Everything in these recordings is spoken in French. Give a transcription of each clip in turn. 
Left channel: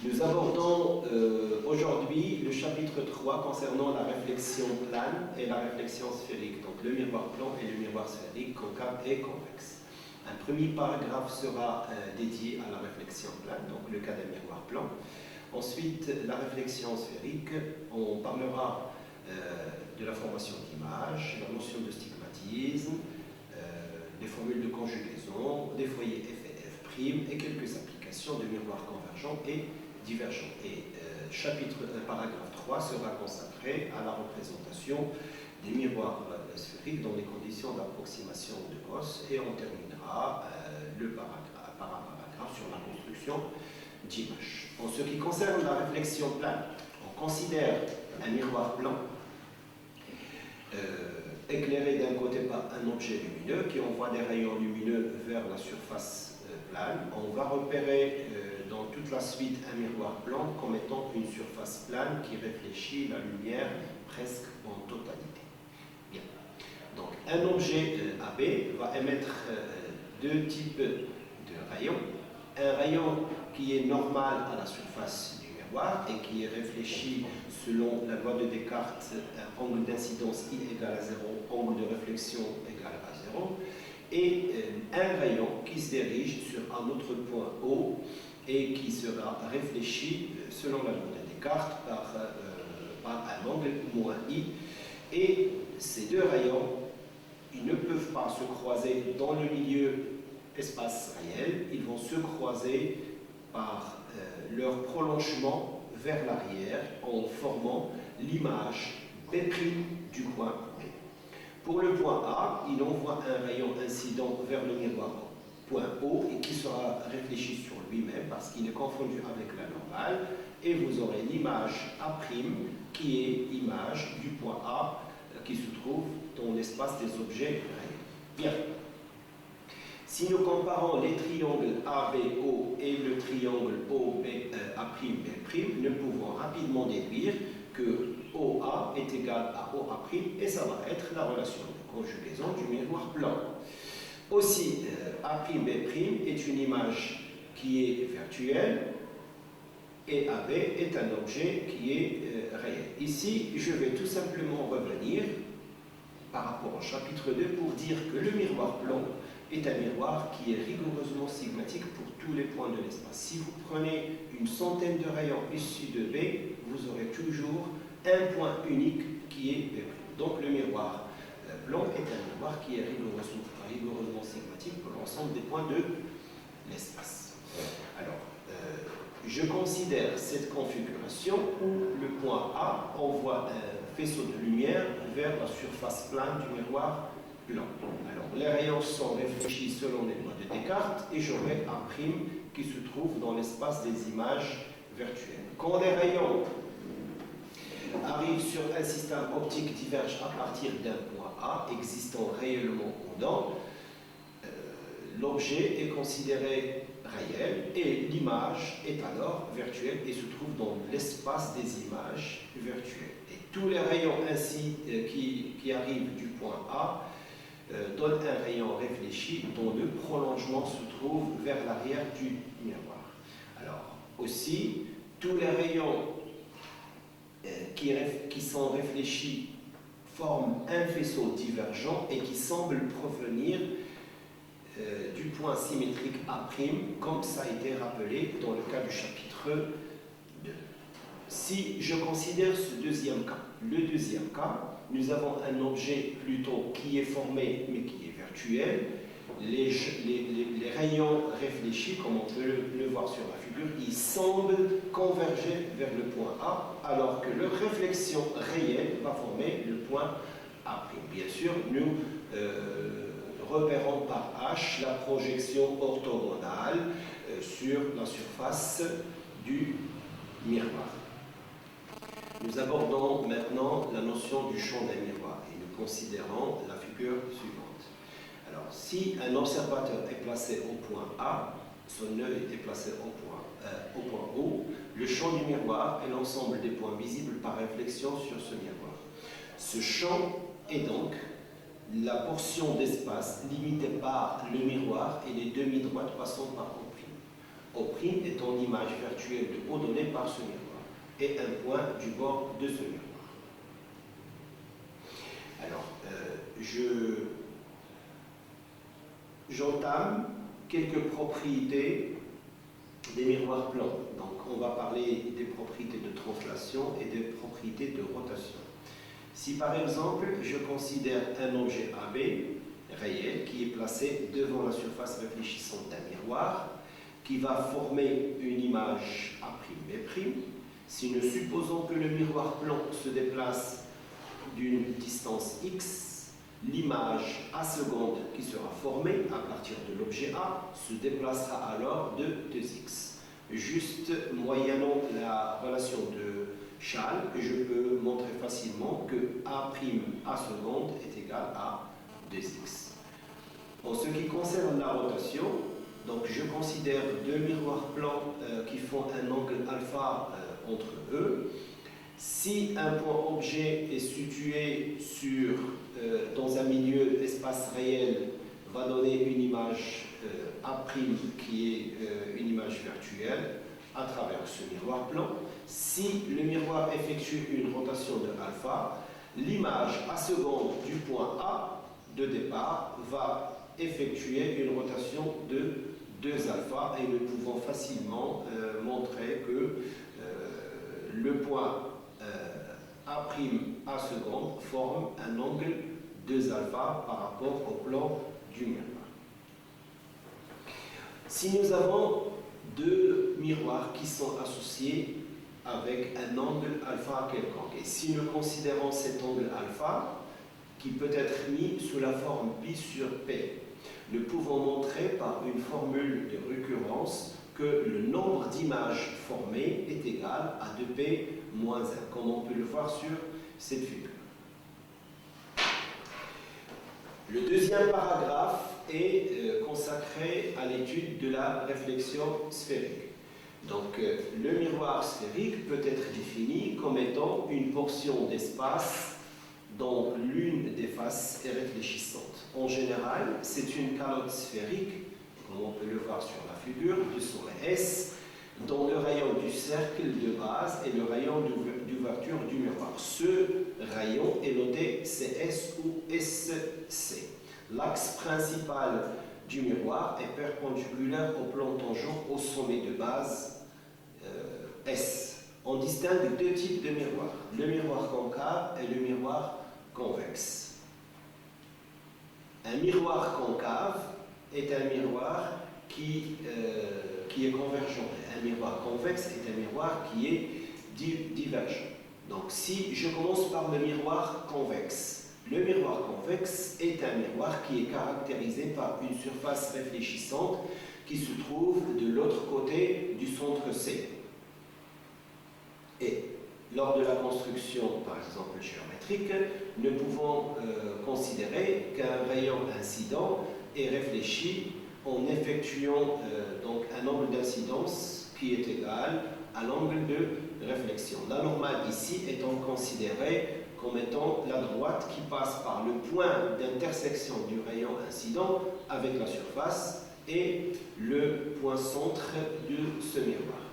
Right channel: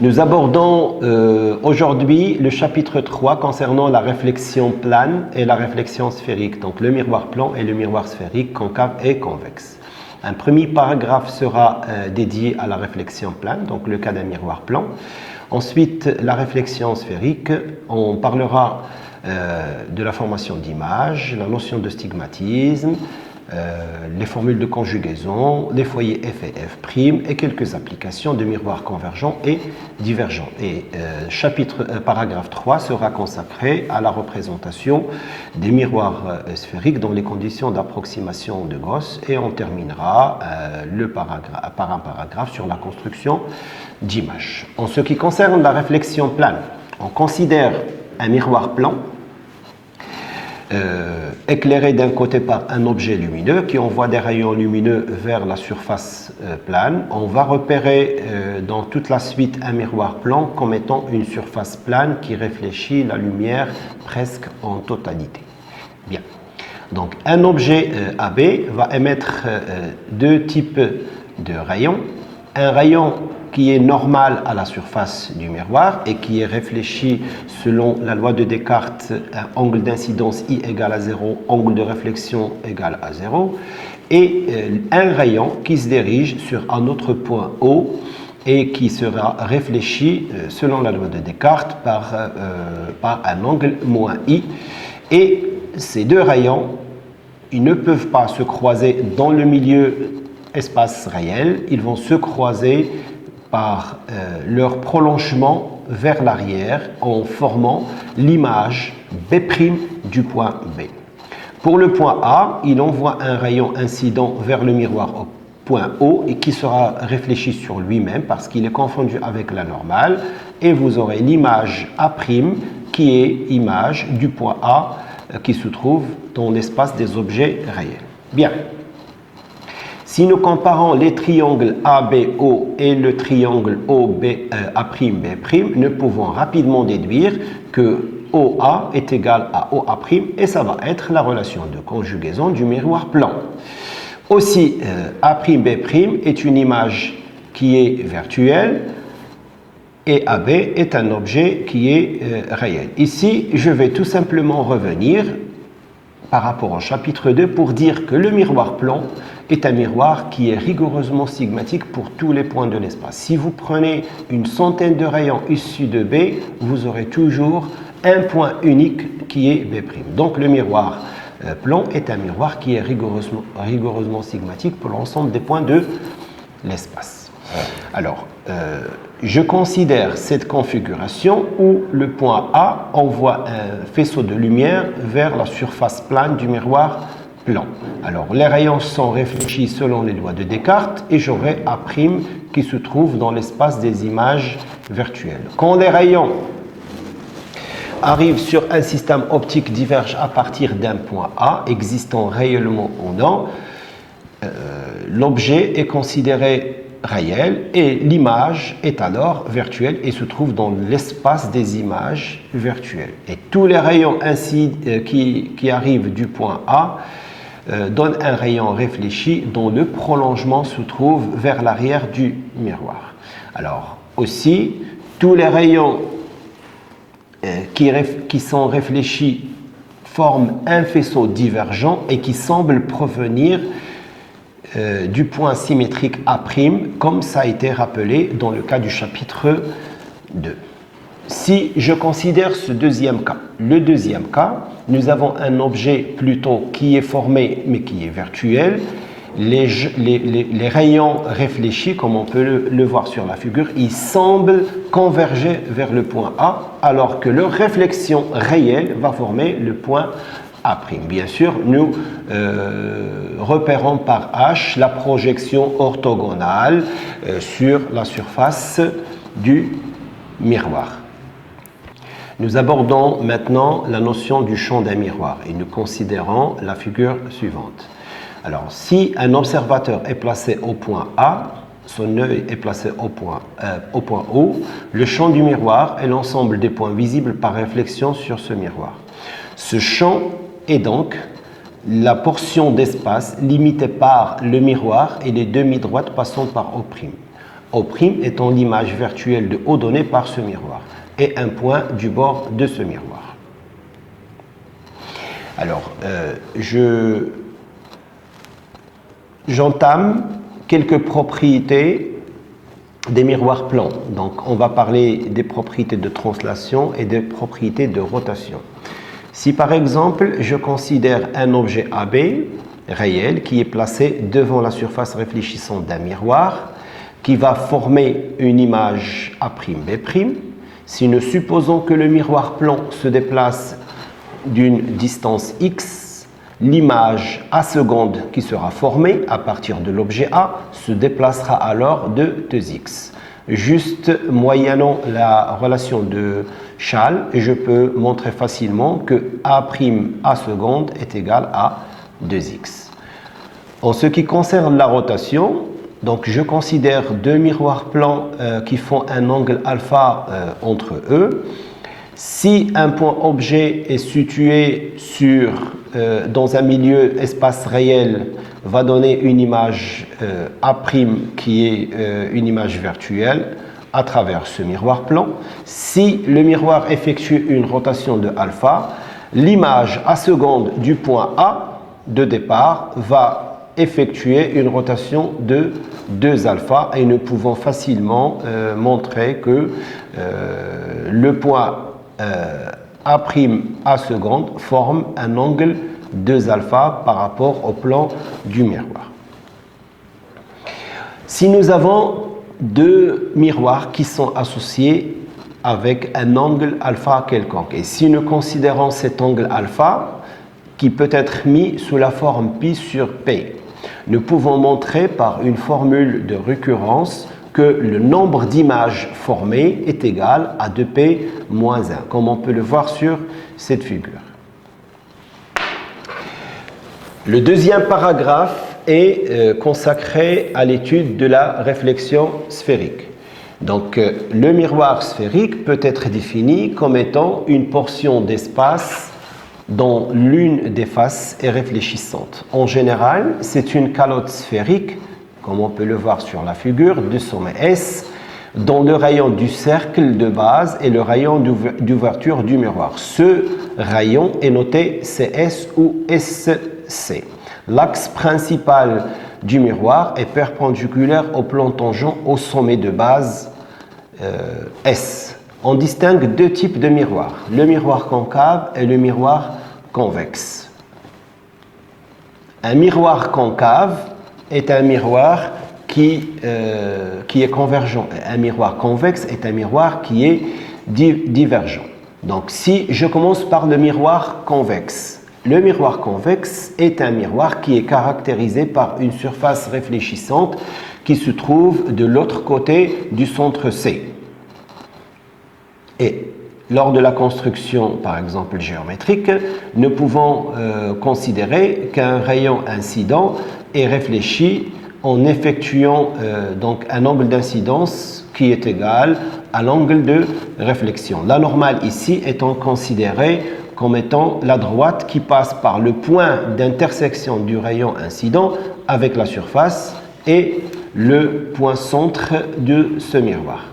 Nous abordons aujourd'hui le chapitre 3 concernant la réflexion plane et la réflexion sphérique, donc le miroir plan et le miroir sphérique, concave et convexe. Un premier paragraphe sera dédié à la réflexion plane, donc le cas d'un miroir plan. Ensuite, la réflexion sphérique, on parlera de la formation d'images, la notion de stigmatisme, les formules de conjugaison, les foyers F et F' et quelques applications de miroirs convergents et divergents. Et paragraphe 3 sera consacré à la représentation des miroirs sphériques dans les conditions d'approximation de Gauss et on terminera par un paragraphe sur la construction d'images. En ce qui concerne la réflexion plane, on considère un miroir plan éclairé d'un côté par un objet lumineux qui envoie des rayons lumineux vers la surface plane. On va repérer dans toute la suite un miroir plan comme étant une surface plane qui réfléchit la lumière presque en totalité. Bien. Donc un objet AB va émettre deux types de rayons. Un rayon qui est normal à la surface du miroir et qui est réfléchi selon la loi de Descartes, un angle d'incidence I égale à 0, angle de réflexion égale à 0, et un rayon qui se dirige sur un autre point O et qui sera réfléchi selon la loi de Descartes par un angle moins I. Et ces deux rayons, ils ne peuvent pas se croiser dans le milieu espace réel, ils vont se croiser par leur prolongement vers l'arrière en formant l'image B' du point B. Pour le point A, il envoie un rayon incident vers le miroir au point O et qui sera réfléchi sur lui-même parce qu'il est confondu avec la normale et vous aurez l'image A' qui est image du point A qui se trouve dans l'espace des objets réels. Bien. Si nous comparons les triangles ABO et le triangle OA'B', nous pouvons rapidement déduire que OA est égal à OA' et ça va être la relation de conjugaison du miroir plan. Aussi, A'B' est une image qui est virtuelle et AB est un objet qui est réel. Ici, je vais tout simplement revenir par rapport au chapitre 2 pour dire que le miroir plan est un miroir qui est rigoureusement sigmatique pour tous les points de l'espace. Si vous prenez une centaine de rayons issus de B, vous aurez toujours un point unique qui est B'. Donc le miroir plan est un miroir qui est rigoureusement sigmatique pour l'ensemble des points de l'espace. Alors, je considère cette configuration où le point A envoie un faisceau de lumière vers la surface plane du miroir plan. Alors, les rayons sont réfléchis selon les lois de Descartes et j'aurai A' qui se trouve dans l'espace des images virtuelles. Quand les rayons arrivent sur un système optique diverge à partir d'un point A, existant réellement ou non, l'objet est considéré réel et l'image est alors virtuelle et se trouve dans l'espace des images virtuelles. Et tous les rayons ainsi qui arrivent du point A donnent un rayon réfléchi dont le prolongement se trouve vers l'arrière du miroir. Alors aussi, tous les rayons qui sont réfléchis forment un faisceau divergent et qui semble provenir du point symétrique A', comme ça a été rappelé dans le cas du chapitre 2. Si je considère ce deuxième cas, le deuxième cas, nous avons un objet plutôt qui est formé mais qui est virtuel. Les rayons réfléchis, comme on peut le voir sur la figure, ils semblent converger vers le point A, alors que leur réflexion réelle va former le point A'. Bien sûr, nous repérons par H la projection orthogonale sur la surface du miroir. Nous abordons maintenant la notion du champ d'un miroir et nous considérons la figure suivante. Alors, si un observateur est placé au point A, son œil est placé au point O, le champ du miroir est l'ensemble des points visibles par réflexion sur ce miroir. Ce champ est donc la portion d'espace limitée par le miroir et les demi-droites passant par O'. O' étant l'image virtuelle de O donnée par ce miroir, et un point du bord de ce miroir. Alors, j'entame quelques propriétés des miroirs plans. Donc, on va parler des propriétés de translation et des propriétés de rotation. Si par exemple, je considère un objet AB réel qui est placé devant la surface réfléchissante d'un miroir, qui va former une image A'B', si nous supposons que le miroir plan se déplace d'une distance x, l'image A seconde qui sera formée à partir de l'objet A se déplacera alors de 2x. Juste moyennant la relation de Schall, je peux montrer facilement que A' A seconde est égal à 2x. En ce qui concerne la rotation, donc je considère deux miroirs plans qui font un angle alpha entre eux. Si un point objet est situé dans un milieu espace réel, va donner une image A' qui est une image virtuelle à travers ce miroir plan. Si le miroir effectue une rotation de alpha, l'image A seconde du point A de départ va effectuer une rotation de 2 alpha et nous pouvons facilement montrer que le point A' A seconde forme un angle 2 alpha par rapport au plan du miroir. Si nous avons deux miroirs qui sont associés avec un angle alpha quelconque, et si nous considérons cet angle alpha qui peut être mis sous la forme pi sur p, nous pouvons montrer par une formule de récurrence que le nombre d'images formées est égal à 2p moins 1, comme on peut le voir sur cette figure. Le deuxième paragraphe est consacré à l'étude de la réflexion sphérique. Donc, le miroir sphérique peut être défini comme étant une portion d'espace dont l'une des faces est réfléchissante. En général, c'est une calotte sphérique, comme on peut le voir sur la figure, de sommet S, dont le rayon du cercle de base est le rayon d'ouverture du miroir. Ce rayon est noté CS ou SC. L'axe principal du miroir est perpendiculaire au plan tangent au sommet de base S. On distingue deux types de miroirs, le miroir concave et le miroir convexe. Un miroir concave est un miroir qui est convergent. Un miroir convexe est un miroir qui est divergent. Donc, si je commence par le miroir convexe, le miroir convexe est un miroir qui est caractérisé par une surface réfléchissante qui se trouve de l'autre côté du centre C. Et lors de la construction, par exemple, géométrique, nous pouvons considérer qu'un rayon incident est réfléchi en effectuant donc un angle d'incidence qui est égal à l'angle de réflexion. La normale ici étant considérée comme étant la droite qui passe par le point d'intersection du rayon incident avec la surface et le point centre de ce miroir.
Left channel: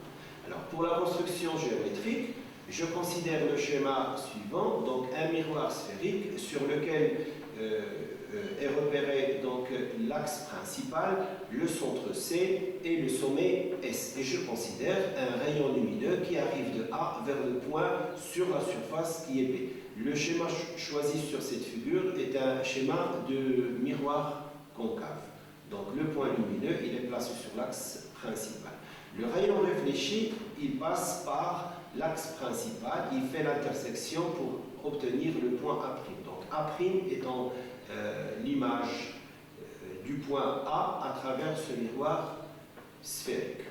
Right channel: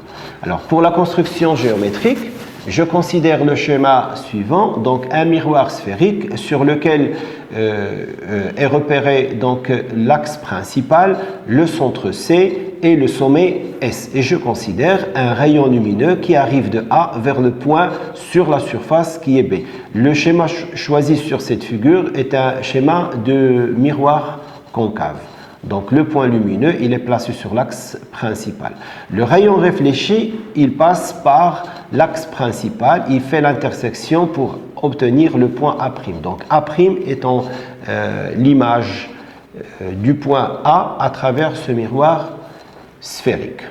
Alors, pour la construction géométrique, je considère le schéma suivant, donc un miroir sphérique sur lequel est repéré donc l'axe principal, le centre C et le sommet S. Et je considère un rayon lumineux qui arrive de A vers le point sur la surface qui est B. Le schéma choisi sur cette figure est un schéma de miroir concave. Donc le point lumineux, il est placé sur l'axe principal. Le rayon réfléchi, il passe par l'axe principal, il fait l'intersection pour obtenir le point A'. Donc A' étant l'image du point A à travers ce miroir sphérique.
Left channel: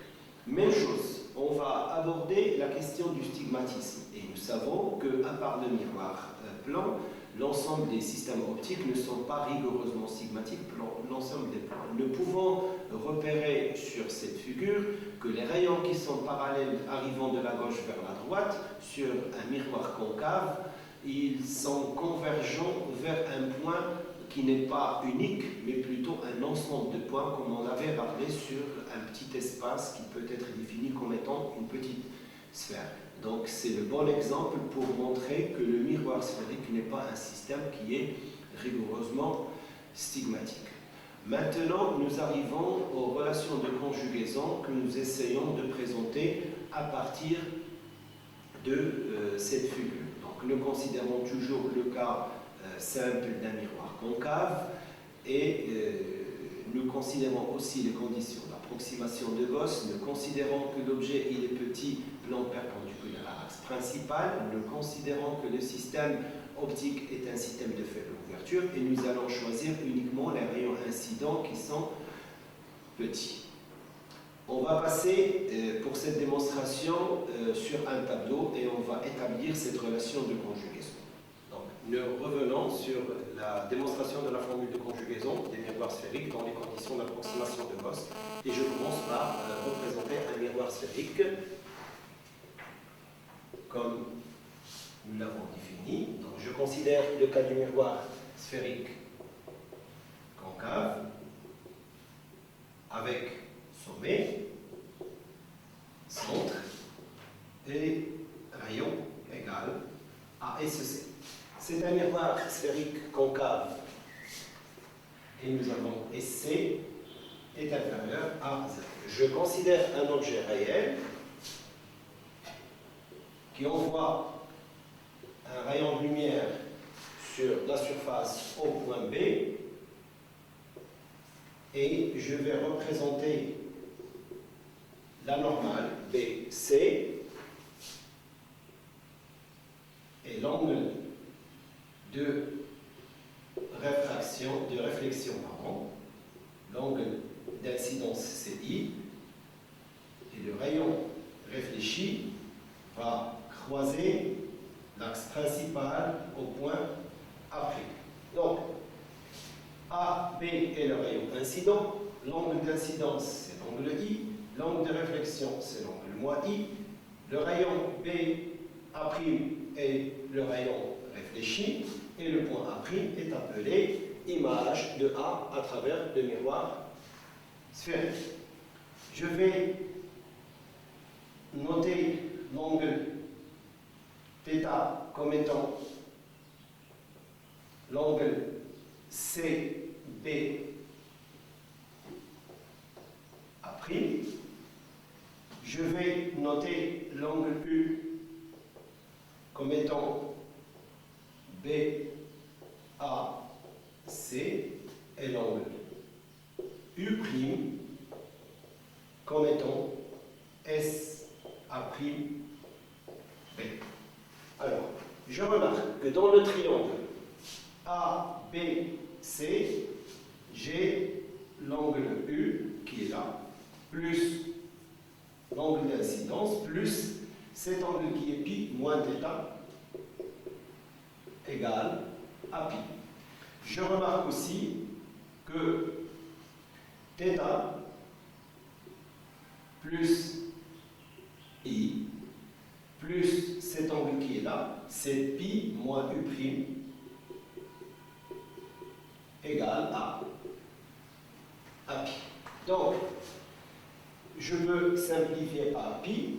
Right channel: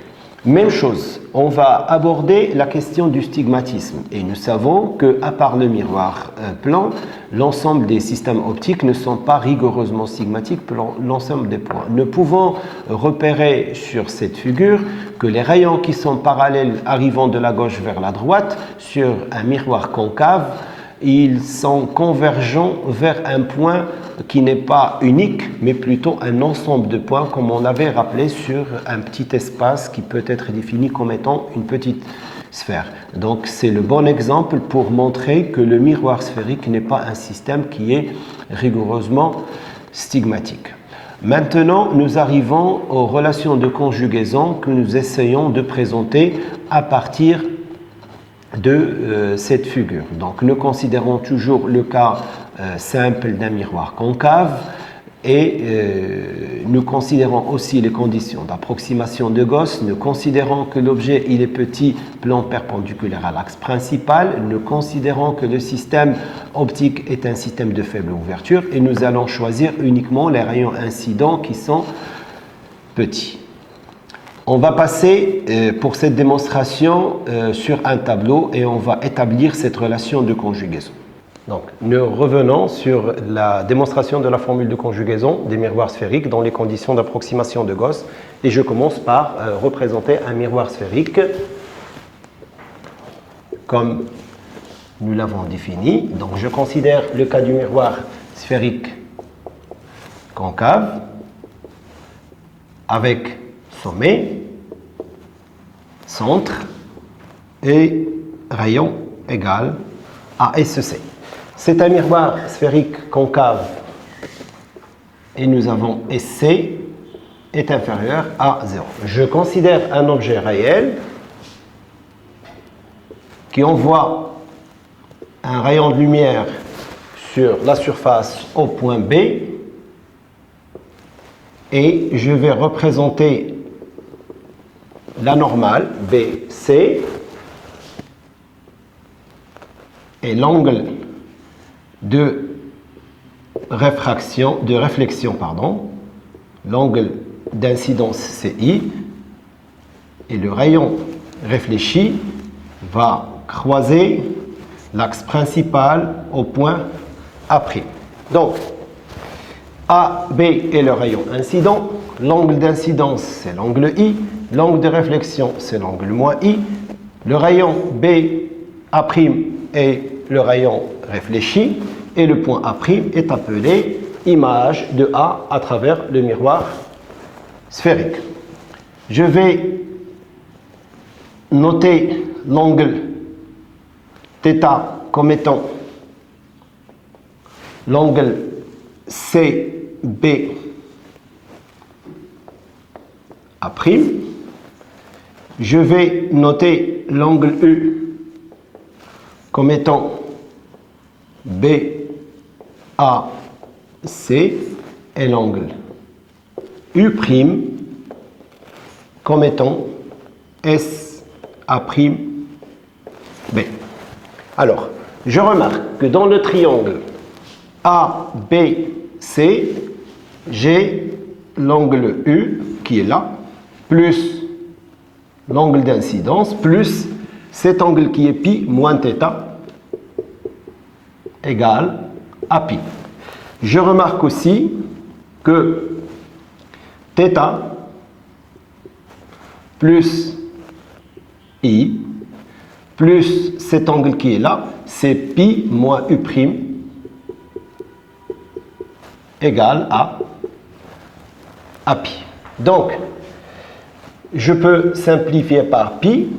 Même chose, on va aborder la question du stigmatisme. Et nous savons qu'à part le miroir plan, l'ensemble des systèmes optiques ne sont pas rigoureusement stigmatiques pour l'ensemble des points. Nous pouvons repérer sur cette figure que les rayons qui sont parallèles arrivant de la gauche vers la droite sur un miroir concave ils sont convergents vers un point qui n'est pas unique, mais plutôt un ensemble de points, comme on avait rappelé sur un petit espace qui peut être défini comme étant une petite sphère. Donc c'est le bon exemple pour montrer que le miroir sphérique n'est pas un système qui est rigoureusement stigmatique. Maintenant, nous arrivons aux relations de conjugaison que nous essayons de présenter à partir de cette figure. Donc nous considérons toujours le cas simple d'un miroir concave et nous considérons aussi les conditions d'approximation de Gauss. Nous considérons que l'objet il est petit, plan perpendiculaire à l'axe principal. Nous considérons que le système optique est un système de faible ouverture et nous allons choisir uniquement les rayons incidents qui sont petits. On va passer pour cette démonstration sur un tableau et on va établir cette relation de conjugaison. Donc, nous revenons sur la démonstration de la formule de conjugaison des miroirs sphériques dans les conditions d'approximation de Gauss. Et je commence par représenter un miroir sphérique comme nous l'avons défini. Donc, je considère le cas du miroir sphérique concave avec sommet, centre et rayon égal à SC. C'est un miroir sphérique concave et nous avons SC est inférieur à 0. Je considère un objet réel qui envoie un rayon de lumière sur la surface au point B et je vais représenter la normale BC et l'angle de réflexion, l'angle d'incidence CI et le rayon réfléchi va croiser l'axe principal au point A'. Donc, AB est le rayon incident, l'angle d'incidence c'est l'angle I, l'angle de réflexion c'est l'angle moins I, le rayon BA' est le rayon réfléchi et le point A' est appelé image de A à travers le miroir sphérique. Je vais noter l'angle θ comme étant l'angle CB A'. Je vais noter l'angle U comme étant BAC et l'angle U' comme étant SA'B. Alors, je remarque que dans le triangle ABC, j'ai l'angle U qui est là, plus l'angle d'incidence, plus cet angle qui est pi moins θ égale à pi. Je remarque aussi que θ plus I plus cet angle qui est là, c'est pi moins U' égale à pi. Donc, je peux simplifier par pi,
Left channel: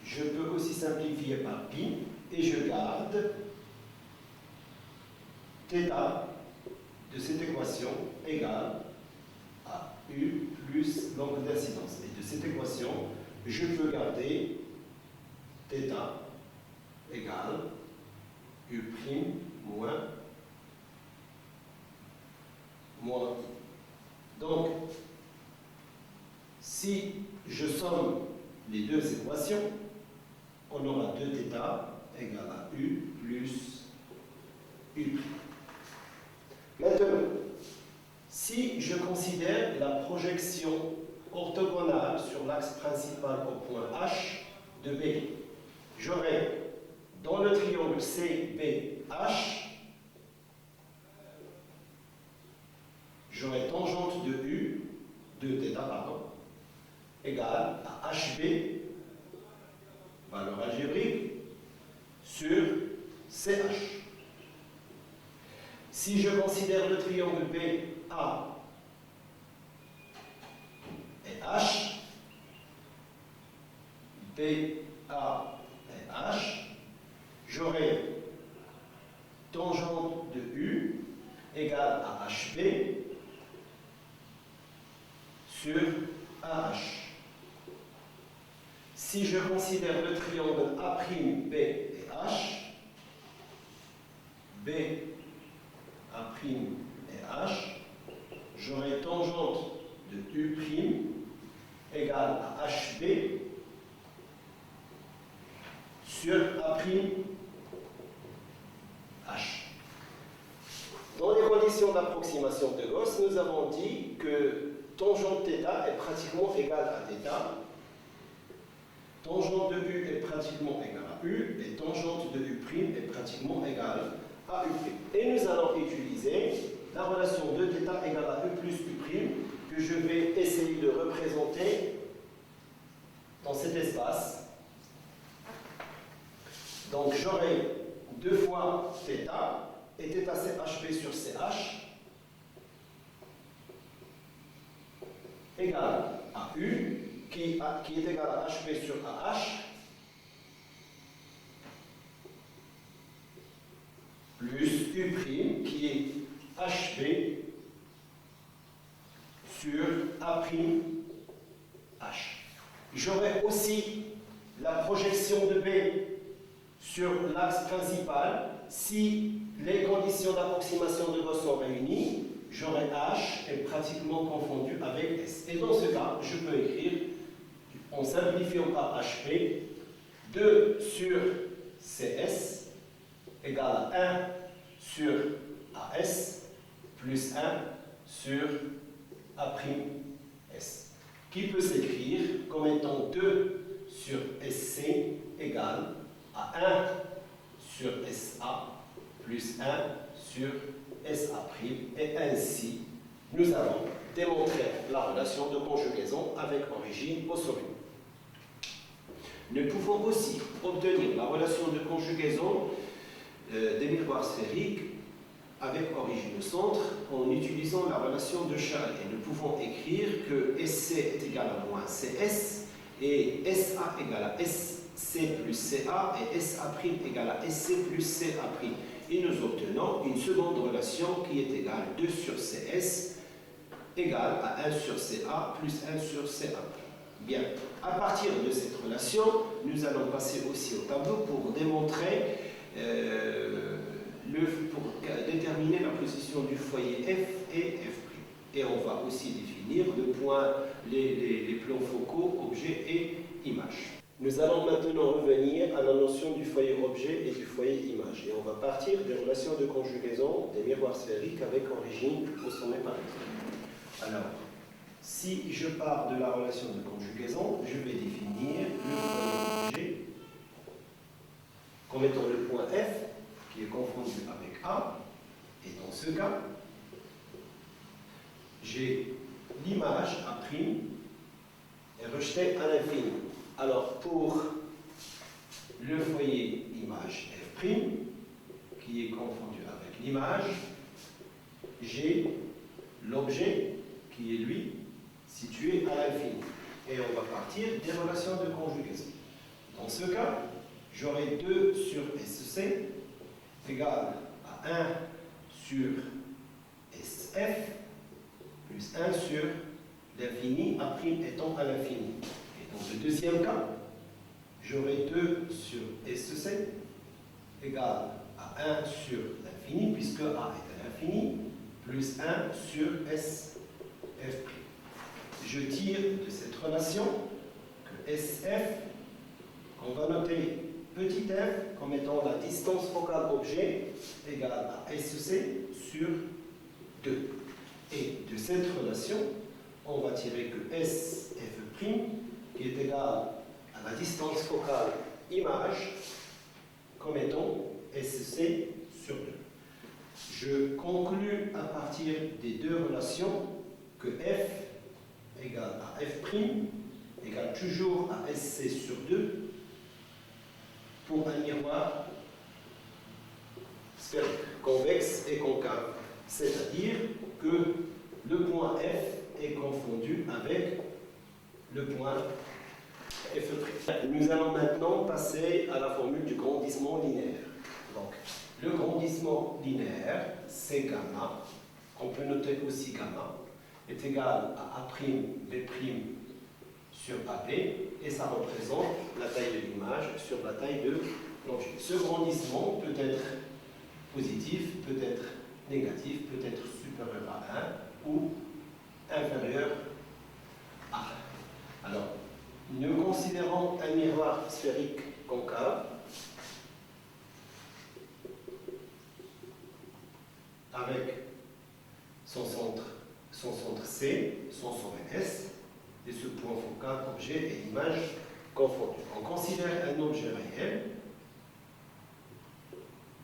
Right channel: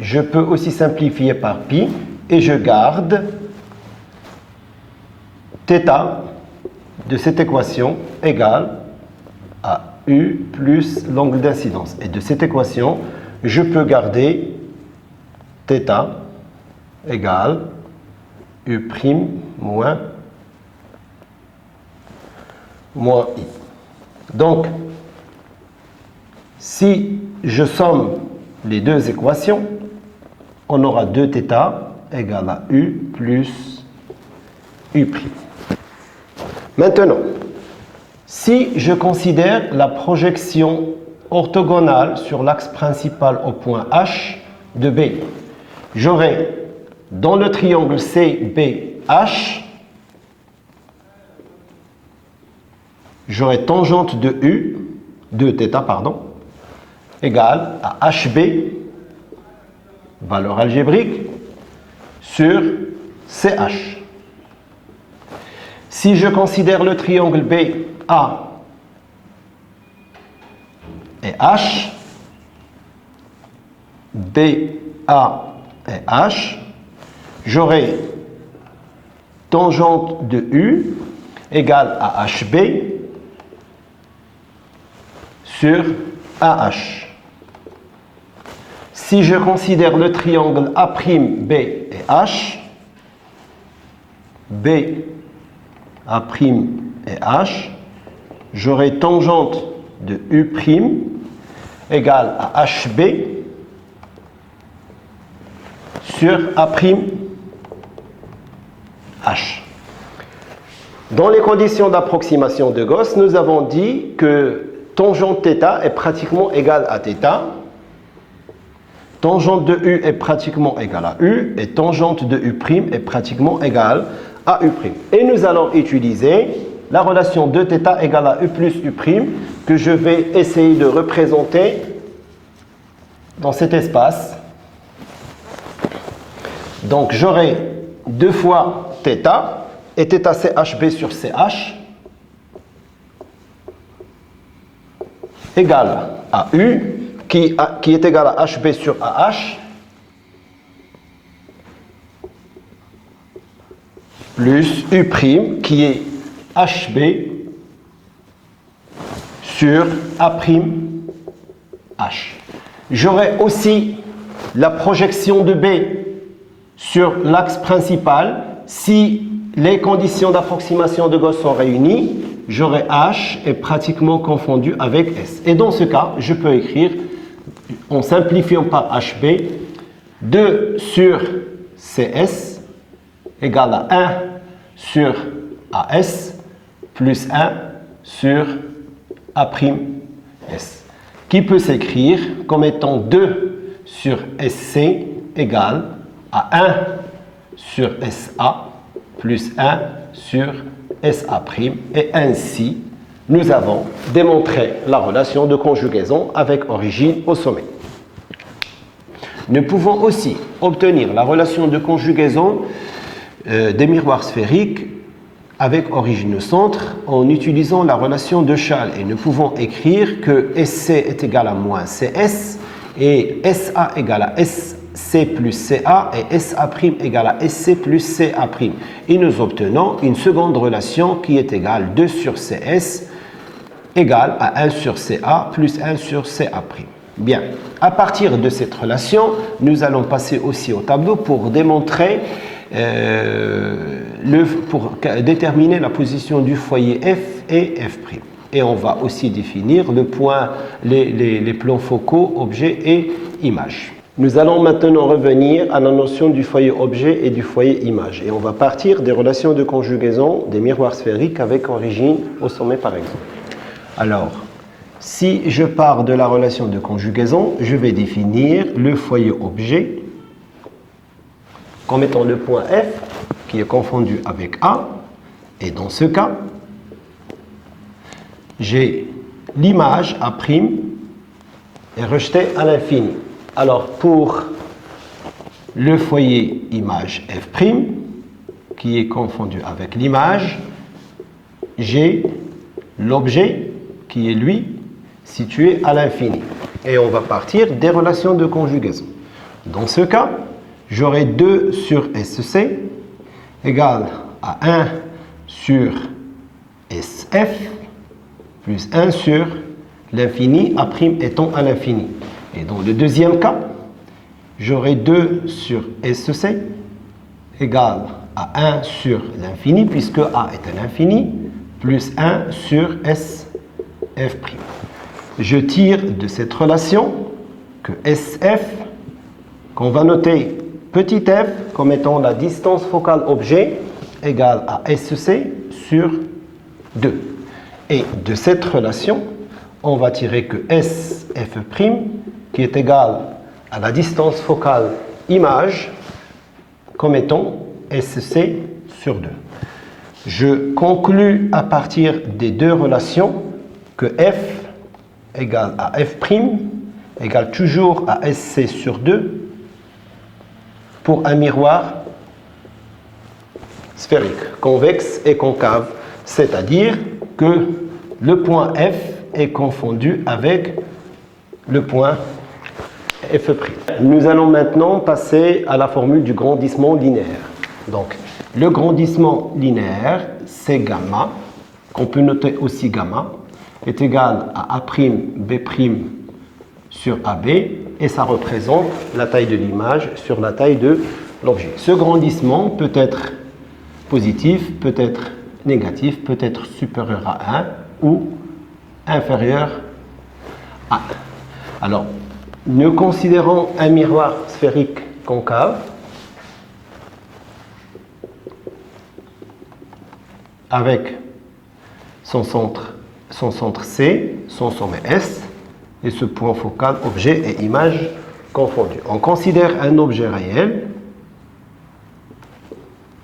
je peux aussi simplifier par pi, et je garde θ de cette équation égale à U plus l'angle d'incidence. Et de cette équation, je peux garder θ égale U' moins I. Donc, si je somme les deux équations, on aura 2θ égale à U plus U'. Maintenant, si je considère la projection orthogonale sur l'axe principal au point H de B, j'aurai dans le triangle CBH, j'aurai tangente de U, de θ, pardon, égale à HB, valeur algébrique, sur CH. Si je considère le triangle BA et H, BA et H, j'aurai tangente de U égale à HB sur AH. Si je considère le triangle A'B et H, B, A' et H, j'aurai tangente de U' égale à HB sur A'H. Dans les conditions d'approximation de Gauss, nous avons dit que tangente θ est pratiquement égale à θ, tangente de U est pratiquement égale à U et tangente de U' est pratiquement égale à U'. Et nous allons utiliser la relation de θ égale à U plus U' que je vais essayer de représenter dans cet espace. Donc j'aurai 2 fois θ et θ c'est HB sur CH égale à U qui est égal à HB sur AH plus U' qui est HB sur A'H. J'aurai aussi la projection de B sur l'axe principal. Si les conditions d'approximation de Gauss sont réunies, j'aurai H est pratiquement confondu avec S. Et dans ce cas, je peux écrire, en simplifiant par HB, 2 sur CS égale à 1 sur AS plus 1 sur A'S, qui peut s'écrire comme étant 2 sur SC égale à 1 sur SA plus 1 sur SA', et ainsi nous avons démontré la relation de conjugaison avec origine au sommet. Nous pouvons aussi obtenir la relation de conjugaison des miroirs sphériques avec origine au centre en utilisant la relation de Schall, et nous pouvons écrire que SC est égal à moins CS et SA égale à SC plus CA et SA' égale à SC plus CA', et nous obtenons une seconde relation qui est égale 2 sur CS égale à 1 sur CA plus 1 sur CA'. Bien, à partir de cette relation, nous allons passer aussi au tableau pour démontrer pour déterminer la position du foyer F et F'. Et on va aussi définir le point, les plans focaux, objets et images. Nous allons maintenant revenir à la notion du foyer objet et du foyer image. Et on va partir des relations de conjugaison des miroirs sphériques avec origine au sommet par exemple. Alors, si je pars de la relation de conjugaison, je vais définir le foyer objet comme étant le point F qui est confondu avec A. Et dans ce cas, j'ai l'image A' est rejetée à l'infini. Alors pour le foyer image F', qui est confondu avec l'image, j'ai l'objet qui est lui situé à l'infini. Et on va partir des relations de conjugaison. Dans ce cas, j'aurai 2 sur SC égale à 1 sur SF plus 1 sur l'infini, A' étant à l'infini. Et dans le deuxième cas, j'aurai 2 sur SC égale à 1 sur l'infini, puisque A est à l'infini, plus 1 sur SF'. Je tire de cette relation que SF, qu'on va noter petit f comme étant la distance focale objet, égale à SC sur 2. Et de cette relation, on va tirer que SF', qui est égal à la distance focale image, comme étant SC sur 2. Je conclus à partir des deux relations que F égale à F' égale toujours à SC sur 2 pour un miroir sphérique, convexe et concave, c'est-à-dire que le point F est confondu avec le point F'. Nous allons maintenant passer à la formule du grandissement linéaire. Donc, le grandissement linéaire, c'est gamma, qu'on peut noter aussi gamma, est égal à A'B' sur AB, et ça représente la taille de l'image sur la taille de l'objet. Ce grandissement peut être positif, peut être négatif, peut être supérieur à 1 ou inférieur à 1. Alors, nous considérons un miroir sphérique concave avec son centre C, son sommet S, et ce point focal, objet et image confondus. On considère un objet réel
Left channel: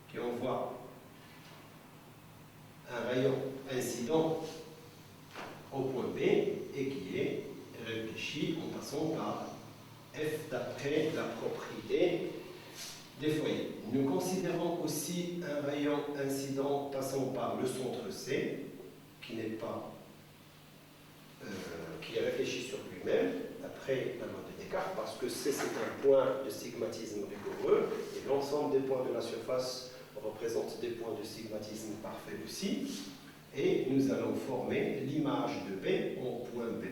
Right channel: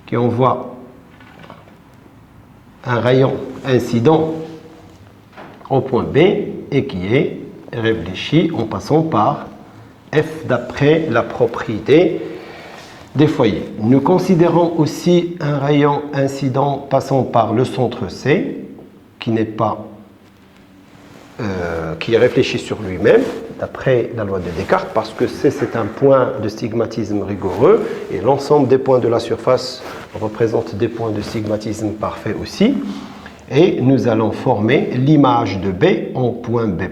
qui envoie un rayon incident au point B et qui est réfléchi en passant par F d'après la propriété des foyers. Nous considérons aussi un rayon incident passant par le centre C qui n'est pas qui est réfléchi sur lui-même d'après la loi de Descartes, parce que C c'est un point de stigmatisme rigoureux et l'ensemble des points de la surface représente des points de stigmatisme parfait aussi. Et nous allons former l'image de B en point B',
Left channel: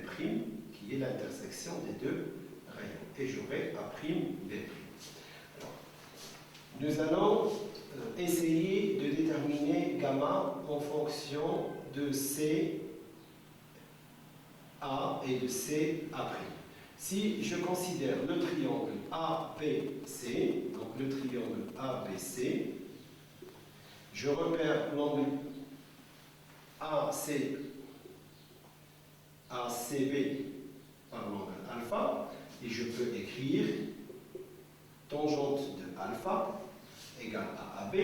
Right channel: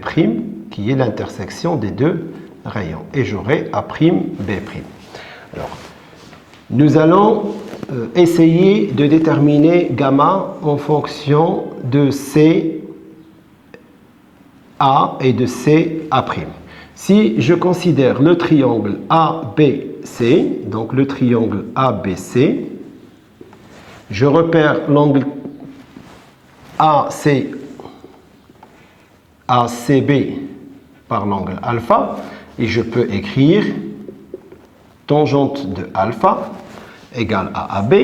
qui est l'intersection des deux rayons. Et j'aurai A'B'. Alors, nous allons essayer de déterminer gamma en fonction de C A et de C A'. Si je considère le triangle ABC, donc le triangle ABC, je repère l'angle ACB par l'angle alpha et je peux écrire tangente de alpha égale à AB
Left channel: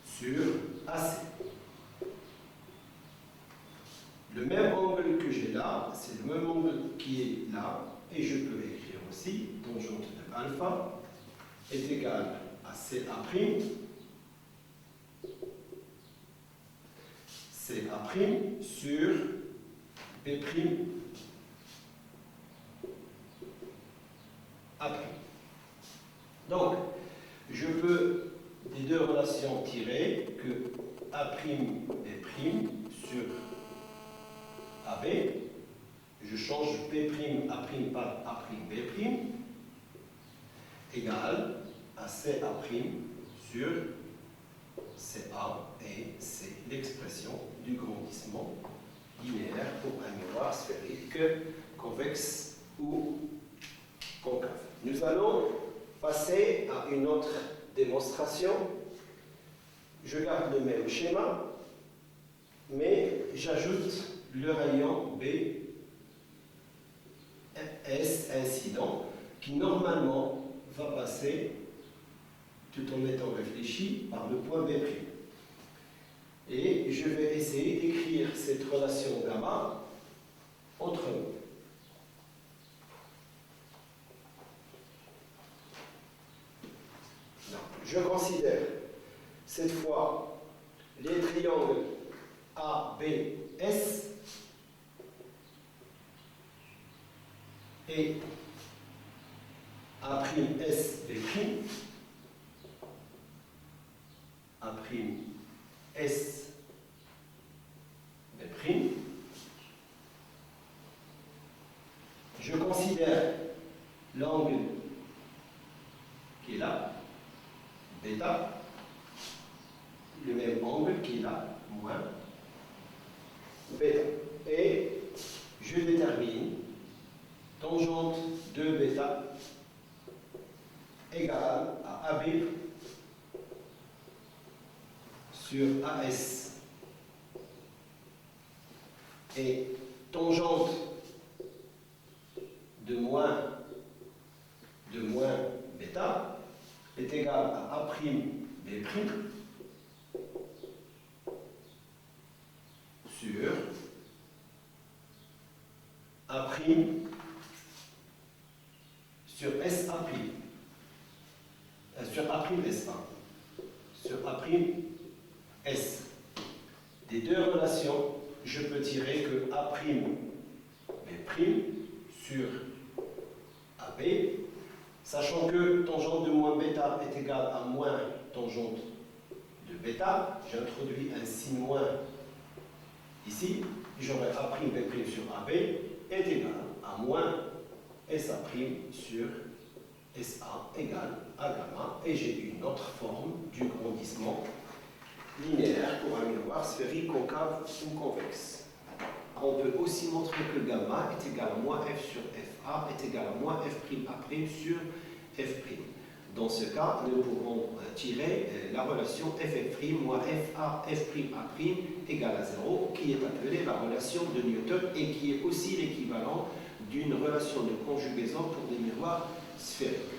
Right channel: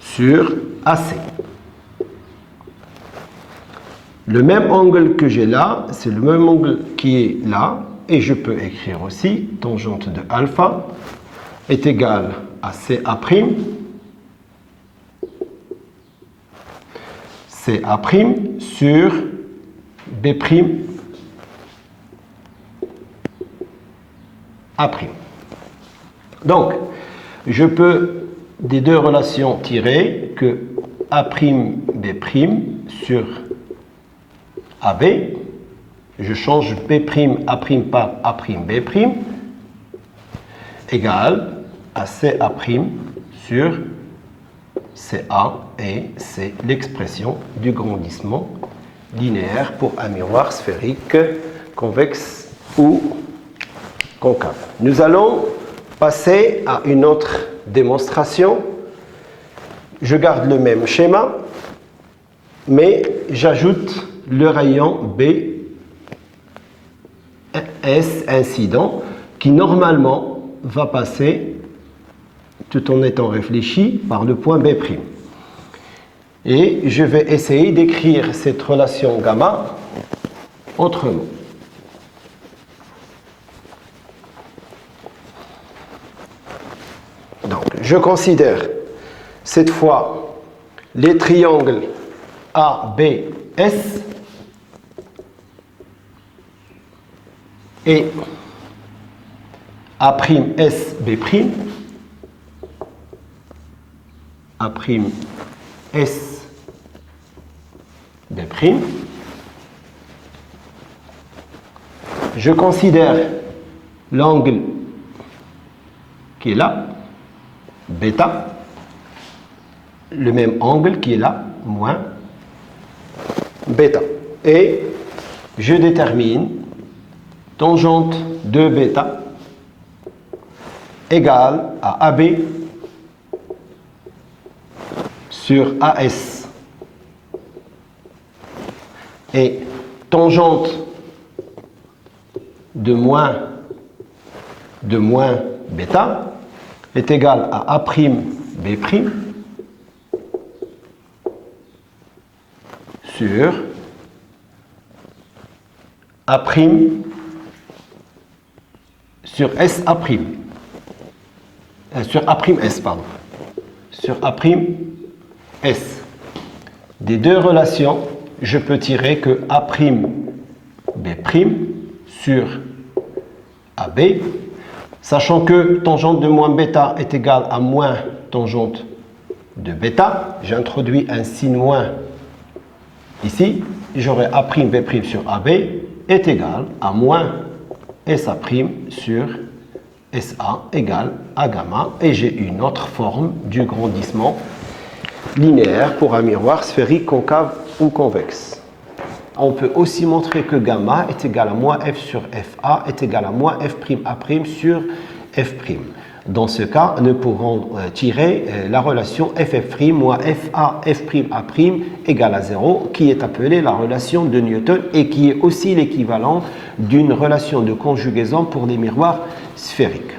sur AC. Le même angle que j'ai là, c'est le même angle qui est là, et je peux écrire aussi tangente de alpha est égale à CA', CA' sur B' A'. Donc, je peux des deux relations tirer que A'B' sur AB, je change B' A' par A'B' égale à CA' sur CA, et c'est l'expression du grandissement linéaire pour un miroir sphérique convexe ou concave. Nous allons passer à une autre démonstration. Je garde le même schéma, mais j'ajoute le rayon B S incident qui normalement va passer tout en étant réfléchi par le point B'. Et je vais essayer d'écrire cette relation gamma autrement. Donc, je considère cette fois les triangles ABS et A'SB', A'SB'. Je considère l'angle qui est là, bêta, le même angle qui est là, moins bêta. Et je détermine tangente de bêta égale à AB sur AS. Et tangente de moins bêta est égale à A'B' sur A' sur SA'. sur A'S, pardon. Sur A'S. Des deux relations, je peux tirer que A'B' sur AB, sachant que tangente de moins bêta est égale à moins tangente de bêta. J'introduis un signe moins ici. J'aurai A'B' sur AB est égal à moins SA' sur SA égale à gamma. Et j'ai une autre forme du grandissement linéaire pour un miroir sphérique concave ou convexe. On peut aussi montrer que gamma est égal à moins F sur FA est égal à moins F'A' sur F'. Dans ce cas, nous pourrons tirer la relation FF' moins FA F'A' égale à 0, qui est appelée la relation de Newton et qui est aussi l'équivalent d'une relation de conjugaison pour des miroirs sphériques.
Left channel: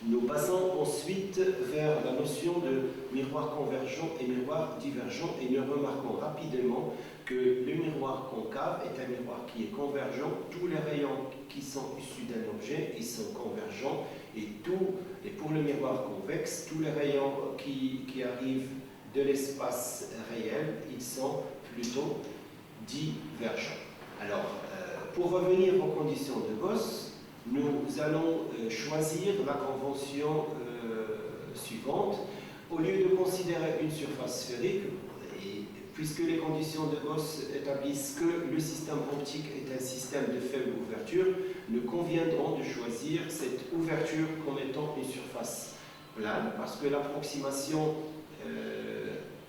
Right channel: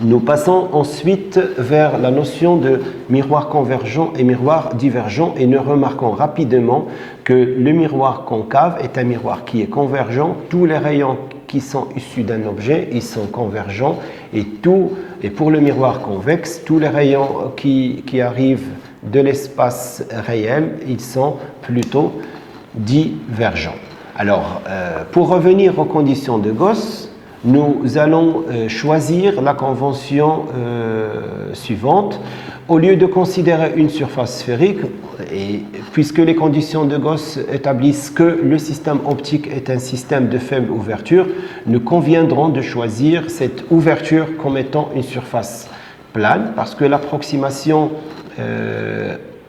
Nous passons ensuite vers la notion de miroir convergent et miroir divergent et nous remarquons rapidement que le miroir concave est un miroir qui est convergent. Tous les rayons qui sont issus d'un objet, ils sont convergents et pour le miroir convexe, tous les rayons qui arrivent de l'espace réel, ils sont plutôt divergents. Alors, pour revenir aux conditions de Gauss, nous allons choisir la convention suivante. Au lieu de considérer une surface sphérique, et puisque les conditions de Gauss établissent que le système optique est un système de faible ouverture, nous conviendrons de choisir cette ouverture comme étant une surface plane, parce que l'approximation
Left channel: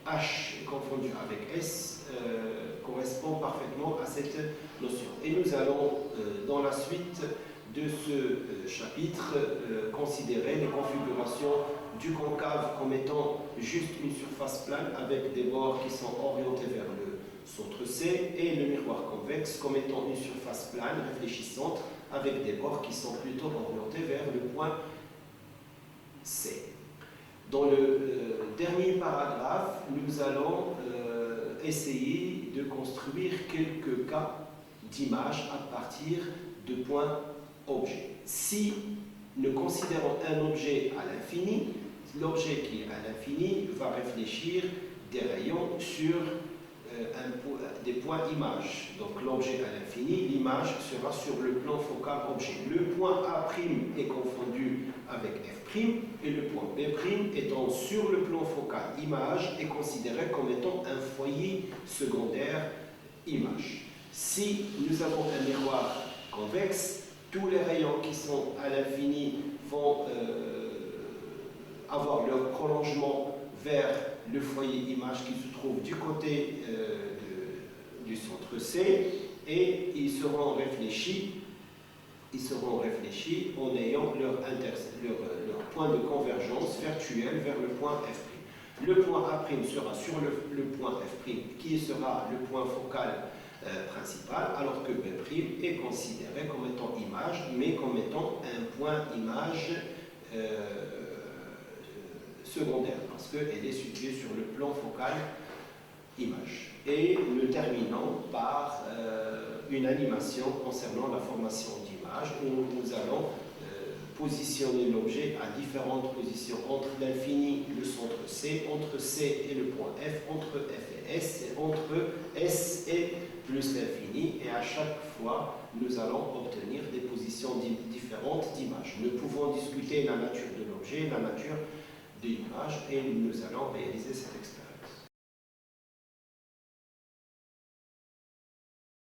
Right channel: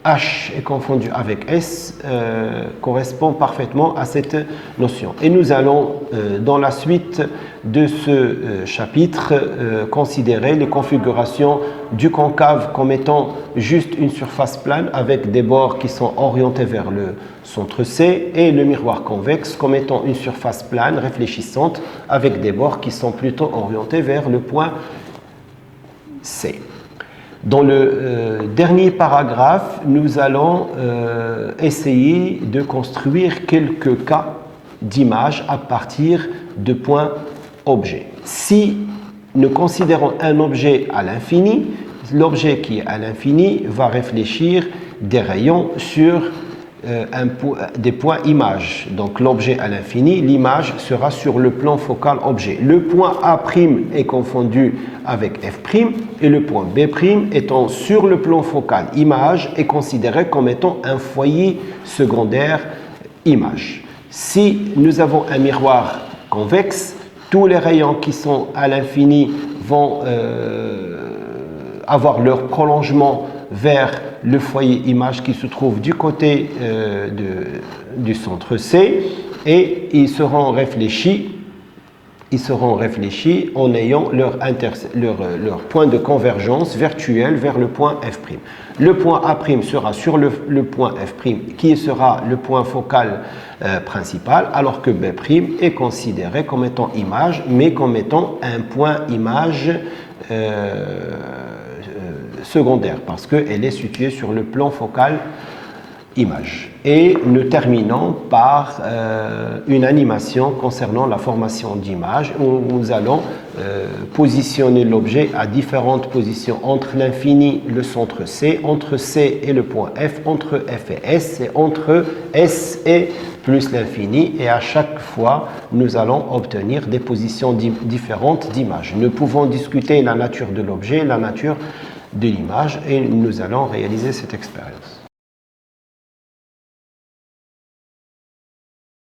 H est confondu avec S correspond parfaitement à cette notion. Et nous allons, dans la suite de ce chapitre, considérer les configurations du concave comme étant juste une surface plane avec des bords qui sont orientés vers le centre C et le miroir convexe comme étant une surface plane réfléchissante avec des bords qui sont plutôt orientés vers le point C. Dans le dernier paragraphe, nous allons essayer de construire quelques cas d'image à partir de points objets. Si nous considérons un objet à l'infini, l'objet qui est à l'infini va réfléchir des rayons sur des points images. Donc l'objet à l'infini, l'image sera sur le plan focal objet. Le point A' est confondu avec F' et le point B' étant sur le plan focal image est considéré comme étant un foyer secondaire image. Si nous avons un miroir convexe, tous les rayons qui sont à l'infini vont avoir leur prolongement vers le foyer image qui se trouve du côté du centre C et ils seront réfléchis en ayant leur point de convergence virtuel vers le point F'. Le point A' sera sur le point F' qui sera le point focal principal, alors que B' est considéré comme étant image, mais comme étant un point image secondaire, parce qu'elle est située sur le plan focal image. Et nous terminons par une animation concernant la formation d'images où nous allons positionner l'objet à différentes positions entre l'infini et le centre C, entre C et le point F, entre F et S, et entre S et plus l'infini, et à chaque fois nous allons obtenir des positions différentes d'images. Nous pouvons discuter la nature de l'objet, la nature de l'image, et nous allons réaliser cette expérience.